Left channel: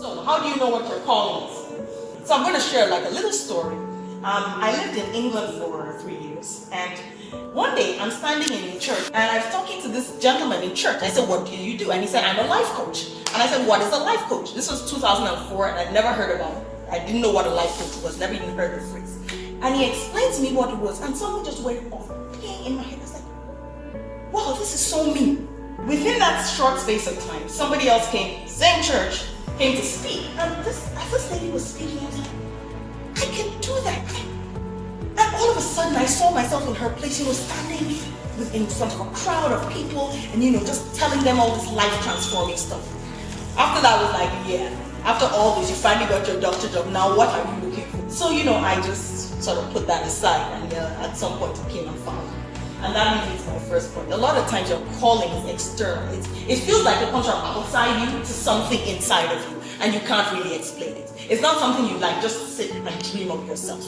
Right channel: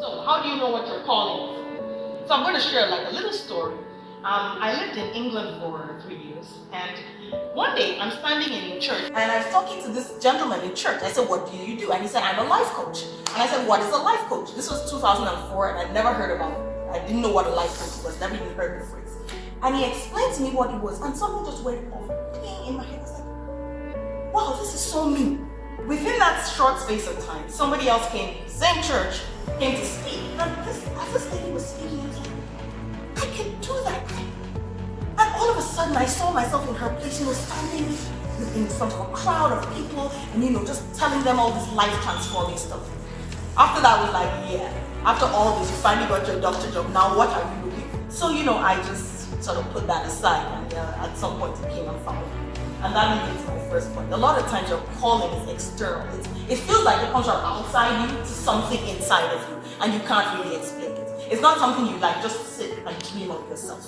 So how do you know what your calling is? So I'm going to share like a little story. I lived in England for 3 years, and one day I'm standing in church and I was talking to this gentleman in church. I said, "What do you do?" And he said, "I'm a life coach." And I said, "What is a life coach?" This was 2004 and I'd never heard about it. I didn't know what a life coach was, never even heard the phrase. And he explained to me what it was, and something just went off ping in my head. I was like, wow, this is so me. Within that short space of time, somebody else came, same church, came to speak. And as this lady was speaking, I was like, I can do that. And all of a sudden, I saw myself in her place, standing in front of a crowd of people and, just telling them all this life-transforming stuff. After that, I was like, yeah, after all this, you finally got your doctor job. Now, what are you looking for? So, I just sort of put that aside, and at some point, it came and found me. And that leads me to my first point. A lot of times, your calling is external. It feels like it comes from outside you to something inside of you, and you can't really explain it. It's not something you just sit and dream of yourself.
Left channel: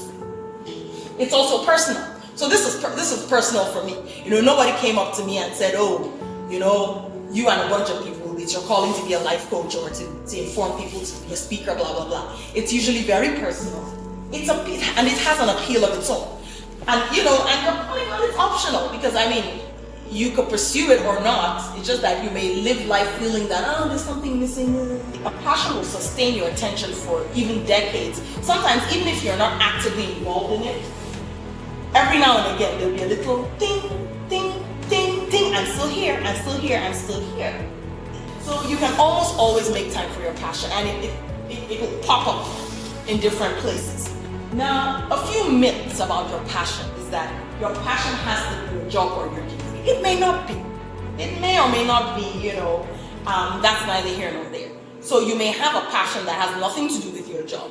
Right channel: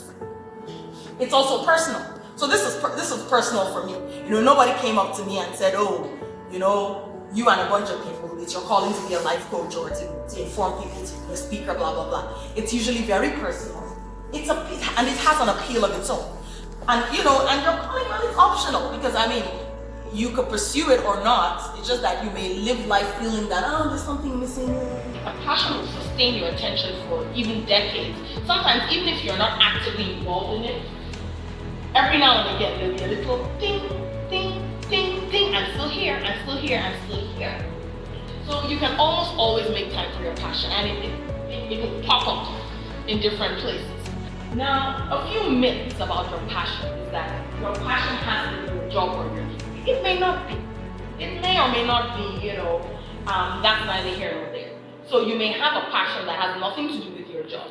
It's also personal. So this is personal for me. Nobody came up to me and said, "Oh, you and a bunch of people, it's your calling to be a life coach or to inform people, to be a speaker, blah, blah, blah." It's usually very personal. And it has an appeal of its own. And and your calling is optional, because you could pursue it or not. It's just that you may live life feeling that, there's something missing. A passion will sustain your attention for even decades. Sometimes, even if you're not actively involved in it, every now and again, there'll be a little ding, ding, ding, ding. I'm still here, I'm still here, I'm still here. So you can almost always make time for your passion, and it will pop up in different places. Now, a few myths about your passion is that your passion has to be your job or your duty. It may not be. It may or may not be, that's neither here nor there. So you may have a passion that has nothing to do with your job.